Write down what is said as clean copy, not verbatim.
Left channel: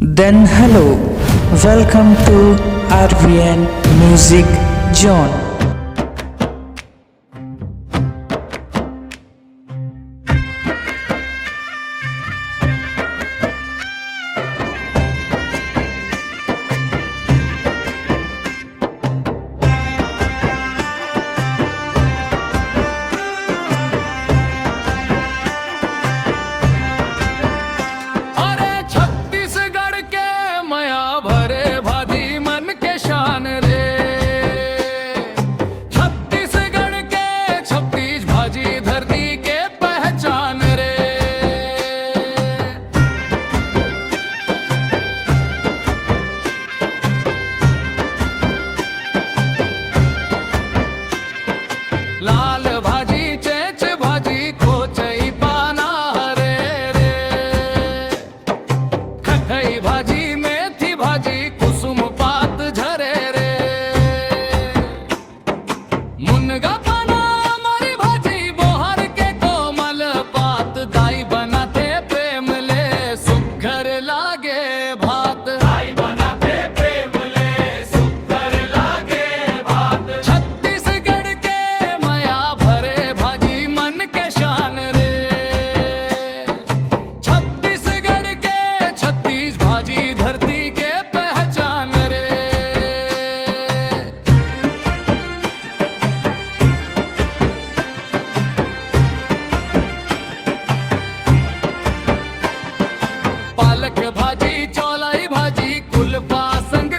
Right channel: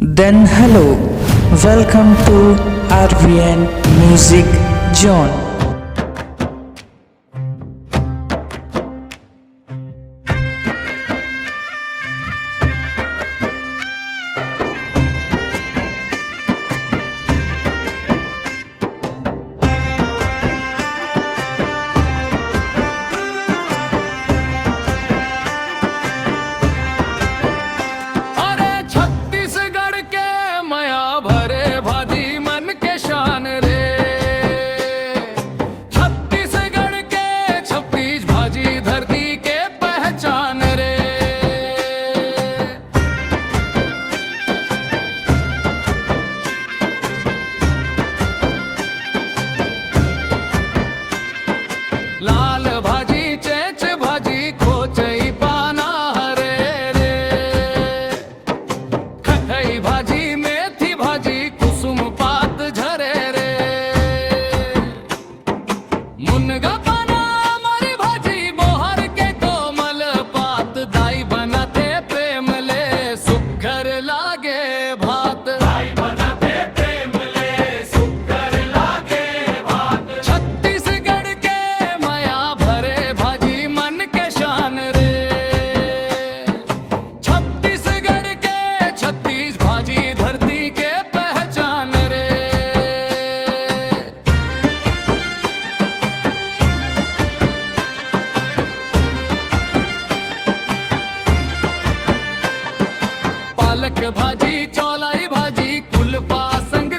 Then hello, welcome to RVN Music Zone. अरे छत्तीसगढ़ के मया भरे भाजी मन के शान रे। छत्तीसगढ़ के 36 भाजी धरती के पहचान रे। लाल भाजी चेच भाजी खोचई पाना हरे रे। खटई भाजी मेथी भाजी कुसुम पात झरे रे। मुनगा पाना हमारी भाजी बोहर के कोमल पात दाई बनाते प्रेम ले सुघर लागे भात। दाई बनाते प्रेम ले सुघर लागे भात। छत्तीसगढ़ के मया भरे भाजी मन के शान रे। छत्तीसगढ़ के 36 भाजी धरती के पहचान रे। पालक भाजी चौलाई भाजी कुलपा संग